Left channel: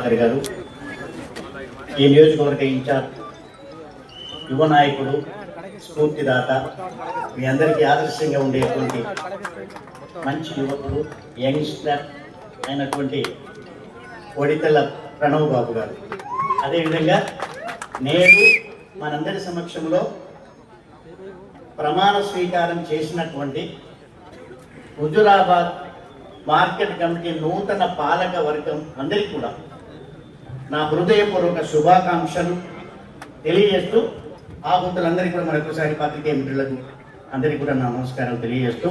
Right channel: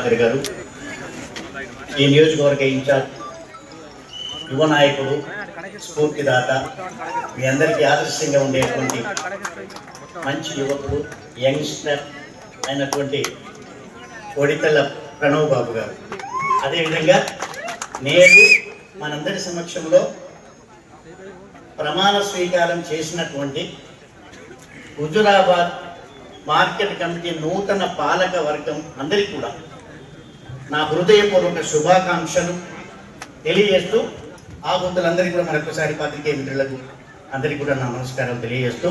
గారి గారు ఈ నియోజకవర్గ ఇన్ఛార్జ్ యువ నాయకుడు స్ఫూర్తిదాత మీ అందరికీ ఆదర్శంగా ఉండేటువంటి మంచి యువకుడు యంగ్స్టర్ అయినటువంటి ఒడితల ప్రణవ్ బాబు గారు. అదేవిధంగా నేడు మనందరి సమక్షంలో ప్రమాణ స్వీకారం చేసినటువంటి హుజురాబాద్ మార్కెట్ కమిటీ నూతన పాలక వర్గం అందరికీ కూడా నా హృదయపూర్వక శుభాకాంక్షలు తెలియజేస్తూ ఆ గుంతలందరికీ కూడా మరొకసారి పాత్రికేయ మిత్రులకు అందరికీ కూడా నా నమస్కారం తెలియజేస్తూ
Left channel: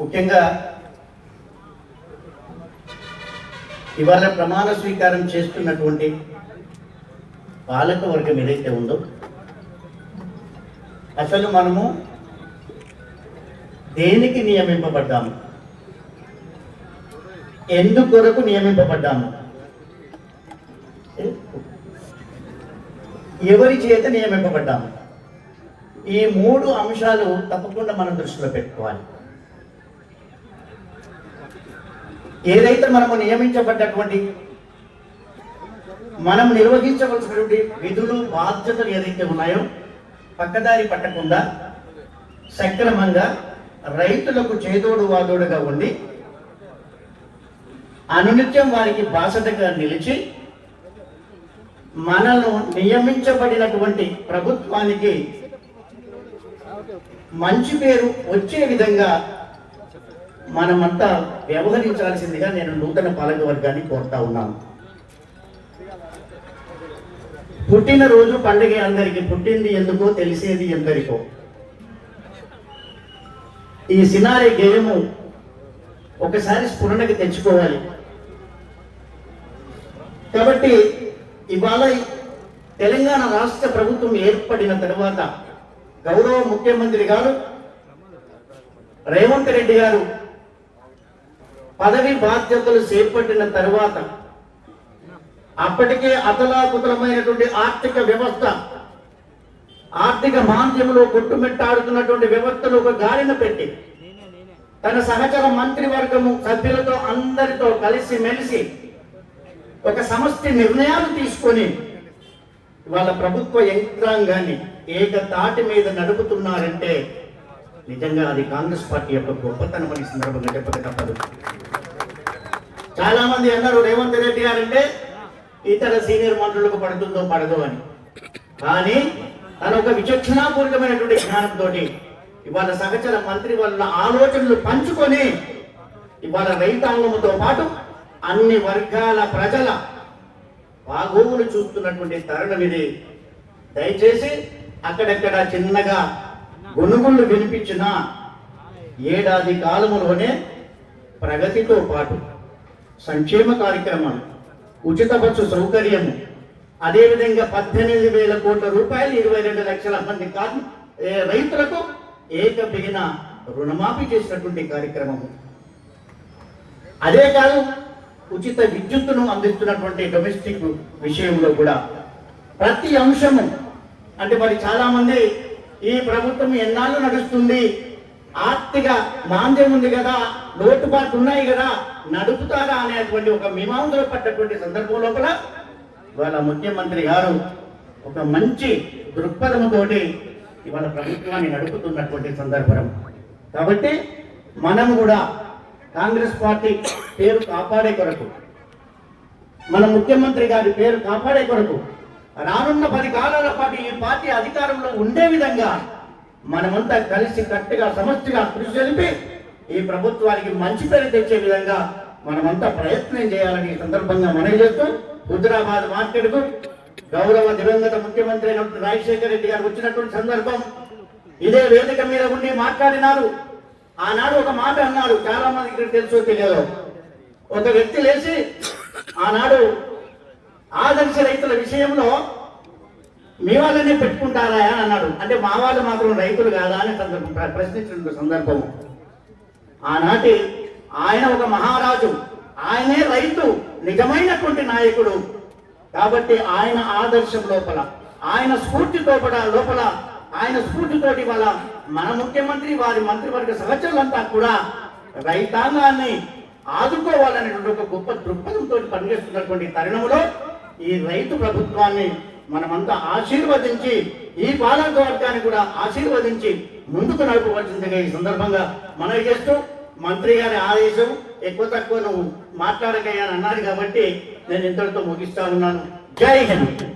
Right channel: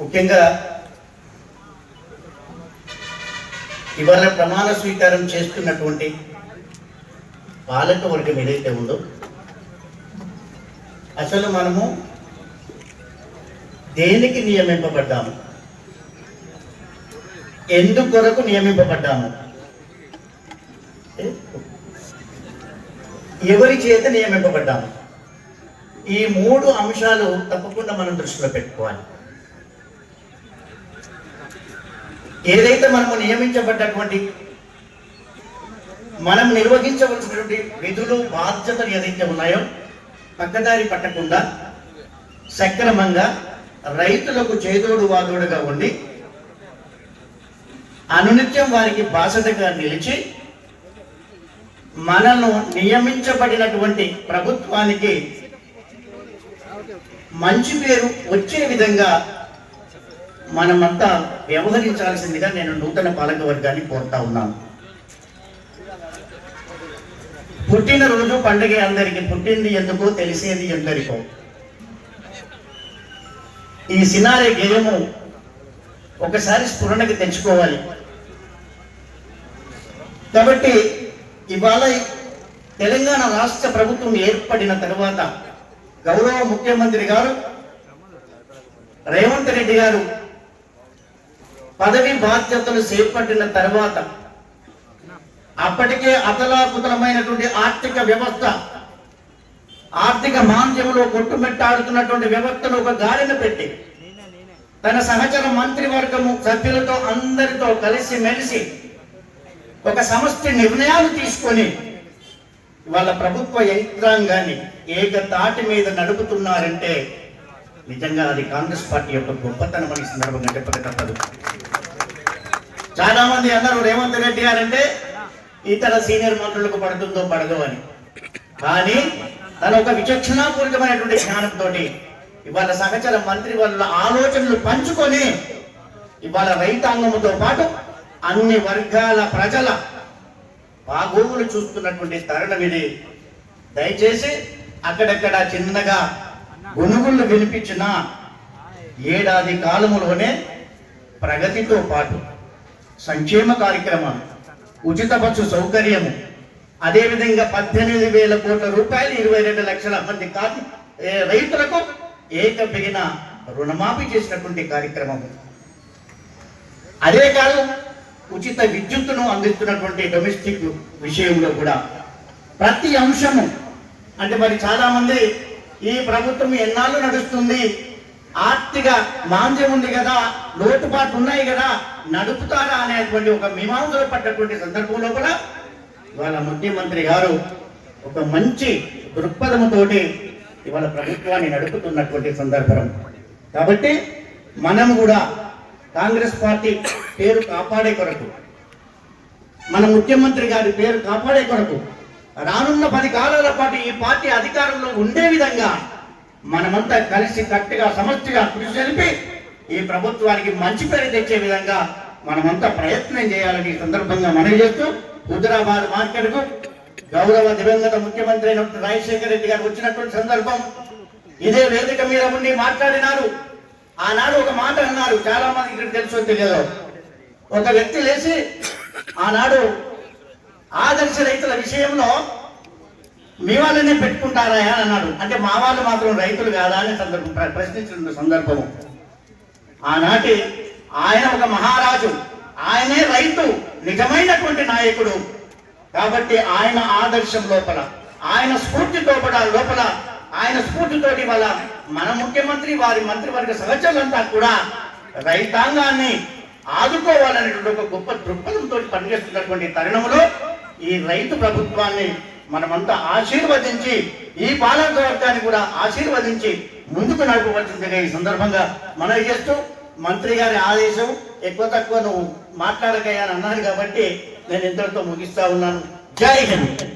ముఖ్యంగా ఇవాళ ప్రమాణ స్వీకారం చేస్తున్నటువంటి పాలక వర్గం ఏదైతే ఉందో అసలు మనము దేనికి నియమింపబడ్డాము? ఎందుకొరకు నియమింపబడ్డాము? ఎవరి చేత నియమింపబడ్డాము? ఈ మూడు అంశాలు తప్పకుండా మనం దృష్టిలో పెట్టుకోవాలి. ఏదైతే మనము నియమించబడ్డటువంటి మనం నిర్వహించవలసినటువంటి విధులు బాధ్యతలు ఏదైతే ఉన్నాయో పక్కదారి పట్టకుండా సక్రమంగా రైతులకు చేదోడు వాదోడుగా ఉండి అనునిత్యం వారికి బాసటగా నిలిచి మనను నియమించబడినటువంటి ప్రభుత్వానికి మంచి పేరు వచ్చే విధంగా మనమంతా వ్యవహరించాల్సిందిగా నేను నూతన పాలక వర్గాన్ని కోరుతా ఉన్నాను. పుట్టినరోజు పండుగ అందరికి పుట్టింది ఎందుకో తెలిసేది ఎందరికో. ఈ సినారే గేయము ఒకసారి స్ఫురణకి తెచ్చుకోవాలి. కాబట్టి ఇవాళ తెలంగాణ రాష్ట్ర ప్రభుత్వం ఏర్పడిన తర్వాత గౌరవ ముఖ్యమంత్రి గారు రేవంత్ రెడ్డి గారు పదవి బాధ్యతలు చేపట్టిన తర్వాత అప్పటికే అతలాకుతలమైనటువంటి ఆర్థిక వ్యవస్థ ఆర్థిక మాంద్యంలో కొట్టుమెట్టాడుతున్నటువంటి వ్యవస్థను ఒక గాలిన పెట్టి తన సహచర మంత్రివర్గము సభ్యులతో అందరితో కలిసి మెలిసి ఒక సమష్టి నిర్ణయాలు తీసుకొని వాళ్ళ ప్రభుత్వ యంత్రాంగాన్ని ఏక తాటి మీద నడుపుతున్నారంటే నిజంగా అది కాంగ్రెస్ పార్టీ యొక్క గొప్పతనం అనే సందర్భంగా చెప్పక తప్పదు చాలా మంది అన్నారు రేవంత్ రెడ్డి గారంటే ఇతర సీనియర్ మంత్రులకు పడుతుందో పడదో అని. కానీ తన ఒక విచక్షణాపూరితమైనటువంటి జ్ఞానంతో ఇవాళ సహచర మంత్రి వాళ్ళ ఆలోచనలు పంచుకొని ఇవాళ రైతాంగంతో పాటు అన్ని వర్గాల ప్రజల బాగోగులు చూస్తున్నటువంటి తరుణం ఇది. దయచేసి అక్కడక్కడ చిన్నగా గొనుగుళ్ళు వినిపించిన ఏడాది కాలములోనే ప్రగతితో పాటు సంక్షేమ కార్యక్రమాలు ఉచిత బస్సు సౌకర్యము అదేవిధంగా పద్దెనిమిది వేల కోట్ల రూపాయలు ఇరవై రెండు లక్షల మంది కాదు రైతులకు ఏకబిగిన రుణమాఫీ చేసినటువంటి కార్యక్రమం అదే కాదు ఉచిత విద్యుత్తును అందిస్తున్నటువంటి డొమెస్టిక్ విషయంలో కూడా ప్రతి అంశము అంటే మరి చాలామంది ఈ ప్రభుత్వం ఎన్నాళ్ళు నడుస్తుంది? ఆర్థిక మాంద్యం ఉంది కదా లోటుపాట్లు ఉన్నాయి కదా నడుపుతారా అనేటువంటి ఒక మీమాంసలో పడ్డటువంటి సందర్భంలో కూడా ఇవాళ ముఖ్యమంత్రి గారు ఒక మంచి దృక్పథంతోటి ఇవాళ ప్రభుత్వాన్ని నడుపుతున్నటువంటి సందర్భం. కాబట్టి మనం కూడా కాంగ్రెస్ పార్టీ పేరు కాపాడే కొరకు మన ముఖ్యమంత్రి గారి పేరు కాపాడే కొరకు రానున్న పది కాలాల పాటు ఈ పార్టీ అధికారంలో ఉండే విధంగా మనమంతా కలిసి కట్టుగా సమస్యగా కృషి జరిపి ఈ ప్రభుత్వానికి మంచి పేరు తెచ్చే విధంగా మనమంతా ప్రయత్నం చేయాలని సందర్భంగా మనవి చేస్తూ హుజరాబాద్ మార్కెట్కు గౌరవ దివంగత ముఖ్యమంత్రి అయినటువంటి రాజశేఖర రెడ్డి గారు వచ్చినటువంటి సందర్భం ఇదే వేదిక మీద ఉండి మాట్లాడినారు. ఆనాడు ఒక మాట అన్నారు చాలా మంది ఇక్కడ తెలుసో తెలియదు. ఒక వ్యక్తి లేచి ఆనాడు ఆదర్శ రైతుల విషయంలో మీ వాళ్ళనే పెట్టుకుంటారా అని అన్నాడు. అంటే మా వాళ్ళు మాత్రం రైతులు కాదా అని సందర్భం ప్రశ్నించిన సందర్భము. ఆనాటి ఆయన ఒక మహారాజు. ఆయనే రైతు నిజమైనటువంటి నాయకుడు. కాబట్టి ఆయన ఆదర్శం లోపల ఆయన స్ఫూర్తి కూడా లోపల ఆయన స్ఫూర్తితోటి వల్ల మన ముఖ్యమంత్రి వారి మంత్రివర్గ సహచరులంతా కూడా రైతాంగాన్ని ఆదుకోవాలనేటువంటి ఒక గొప్ప దృక్పథంతో పనిచేస్తున్నటువంటి తరుణంలో ఈ రైతు ప్రభుత్వాన్ని మనమంతా ఆశీర్వదించి ఈ పాలక వర్గాన్ని కూడా ఆశీర్వదించి ముందుకు నడపవలసిందిగా ఈ సందర్భంగా మనవి చేస్తూ మంత్రి గారి ఆదేశం ఎక్కువ తక్కువ నువ్వు మాట్లాడకయ్యా అన్నారు కాబట్టి నేను ఇంతటితో ముగిస్తా ఉన్నాను. జై హింద్.